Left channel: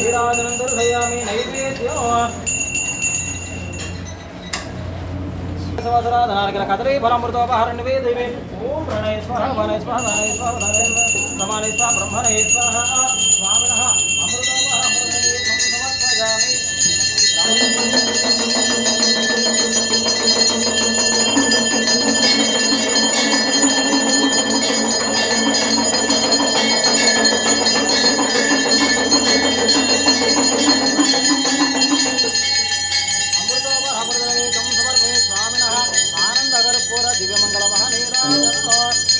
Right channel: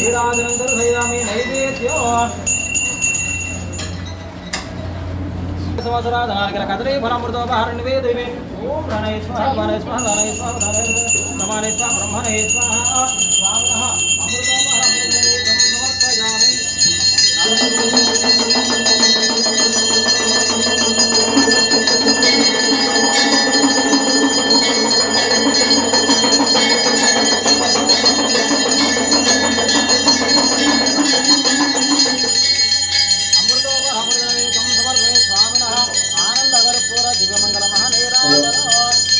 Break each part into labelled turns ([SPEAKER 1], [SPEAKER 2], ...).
[SPEAKER 1] वीराजनं दर्शयामि 晚上
[SPEAKER 2] 好啊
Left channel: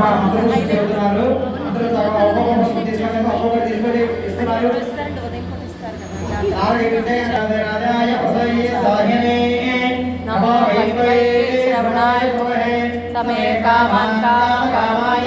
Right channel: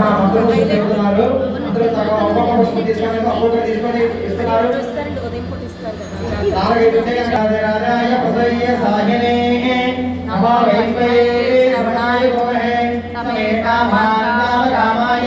[SPEAKER 3] అందరూ చెప్తున్నారు అందరూ ఒక్కొక్క పుస్తకం తీసుకొని ఒక్కొక్కటి తీసుకొని ఇస్తున్నారు
[SPEAKER 2] ఇస్తారండి ఉదయం
[SPEAKER 3] రాజాయ పదయ్య సాహినే నమో వైపే శ్రవణాయ భవహే సమే కామాయ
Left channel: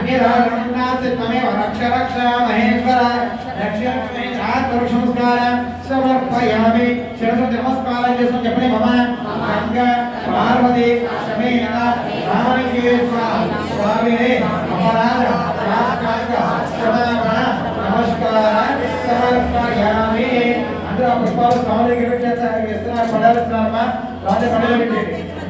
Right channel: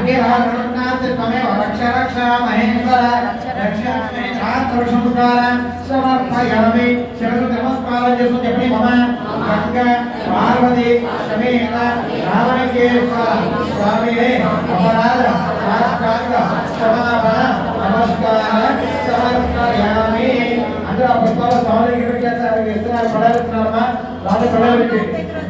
[SPEAKER 3] శివామి ఆస్పద శివ అంతా గుడి చేతి యొక్క ప్రదక్షిణ చేయండి యాని కాని అపాండి సమాంతనాయ తాని తప్పని హృదయ బాబా పరమాత్మ బాబుదప్ప రామాయణ హృదయ భగవత అనుమోదన అన్ని రాజున్నాథ్ త్వమేవ రక్ష రక్ష మహేశ్వర రక్ష ఆత్మ సంస్కార సమర్పయామి శిరసు నమస్కారం చేస్తూ చెప్పని మమ గంగ పార్వతి సమేత రామలింగేశ్వర స్వామినే అపరాధ సాష్టాంగ క్షమాపణ నమస్కార సమర్పయామి అందరూ ఆ పుష్పాలు స్వామికి పెట్టేస్తారు ఇస్తున్నారు పడాలిస్తున్నారమ్మా వాళ్ళ పడాలి పెట్టండి